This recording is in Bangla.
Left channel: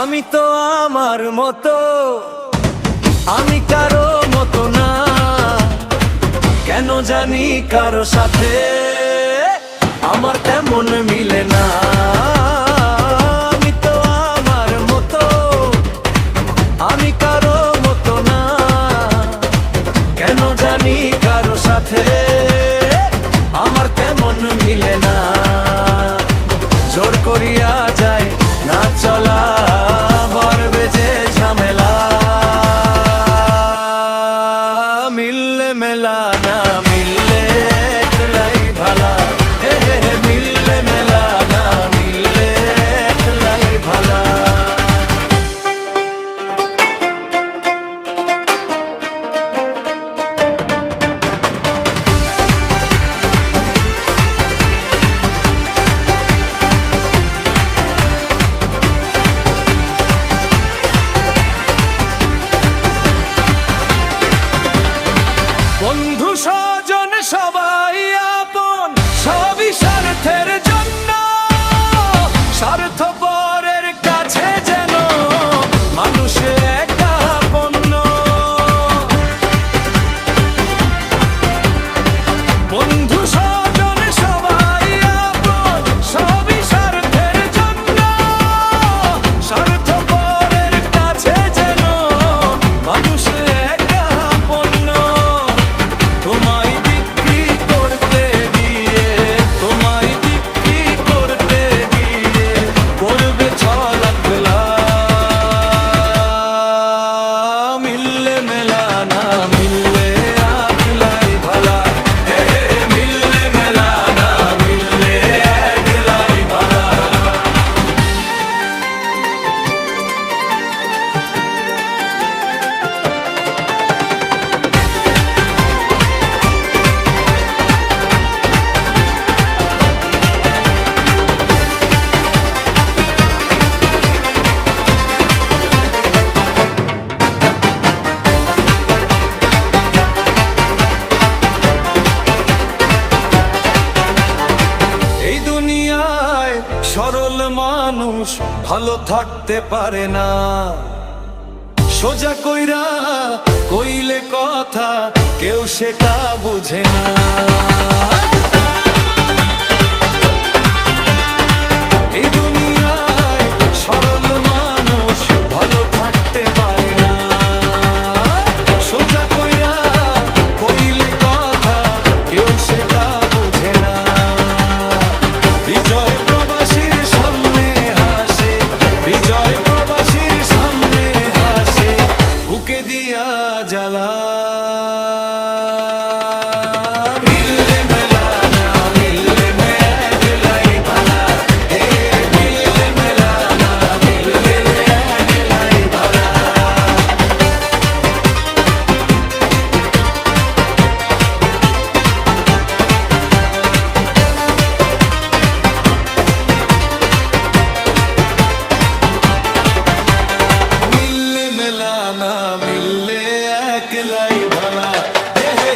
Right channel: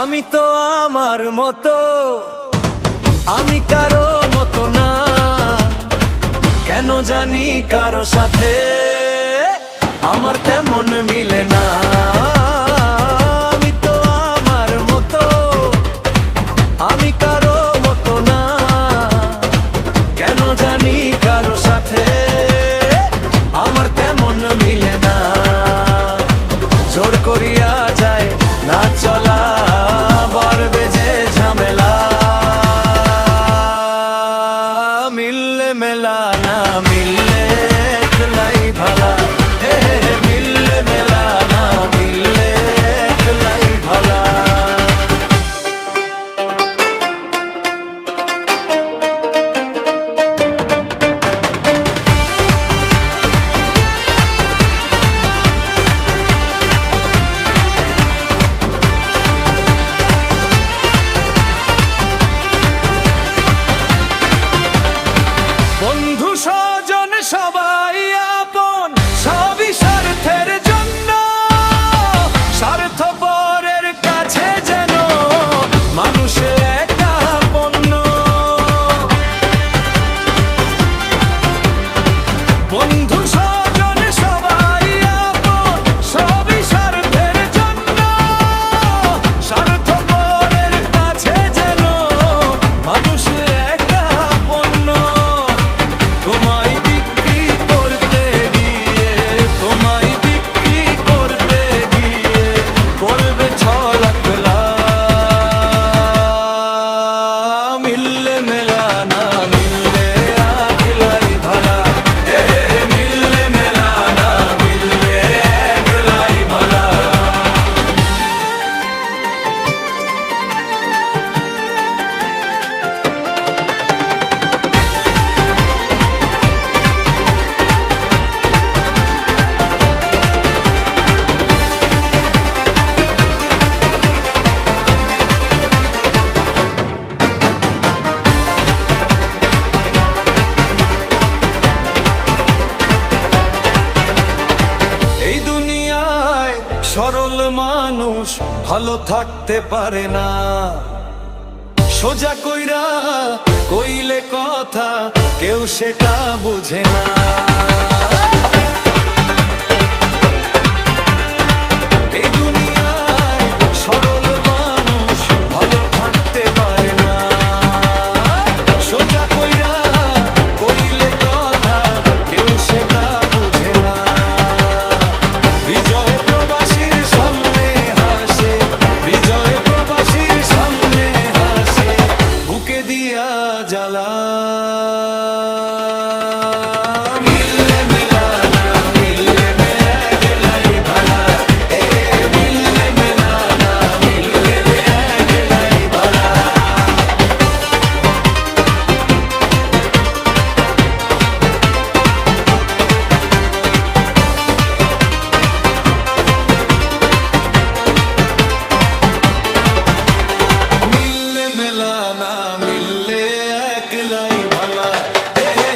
আমি তো আমার মতো, আমি কারো মতো না, কেন জানি কারো সাথে আমার তেমন মিলে না। আমি তো আমার মতো, আমি কারো মতো না, কেন জানি কারো সাথে আমার তেমন মিলে না। জোর করিয়া যায় না চলা, বাড়বে যে ঝামেলা। মিললে মেলা, না মিললে একলাই ভালা। হে হে হে, মিললে মেলা, না মিললে একলাই ভালা। বন্ধু স্বজন সবাই আপন, সবই স্বার্থের জন্য, স্বার্থপরের কাছে যেন মানুষ একা পণ্য। বন্ধু স্বজন সবাই আপন, সবই স্বার্থের জন্য, স্বার্থপরের কাছে যেন মানুষ একা পণ্য। তোমায় বিক্রি করতে গিয়ে, তোমায় বিক্রি করতে গিয়ে করবে ছলাকলা। মিললে মেলা, না মিললে একলাই ভালা। হে হে, মিললে মেলা, না মিললে একলাই ভালা। এই দুনিয়ায় সরল মানুষ ভালো থাকতে পারে না, সোজা কইরা কইলে কথা কেউ সেটা বুঝে না। এই দুনিয়ায় সরল মানুষ ভালো থাকতে পারে না, সোজা কইরা কইলে কথা কেউ সেটা বুঝে না। বিজয় প্রবাসীর সামনে হাসে, বিজয় প্রবাসীর সামনে হাসে, বুকে দিয়া জ্বালা। মিললে মেলা, না মিললে মে একলাই ভালা। হে মিললে মেলা, না মিললে একলাই ভালা। মিললে মেলা, না মিললে একলাই ভালা। হে হে।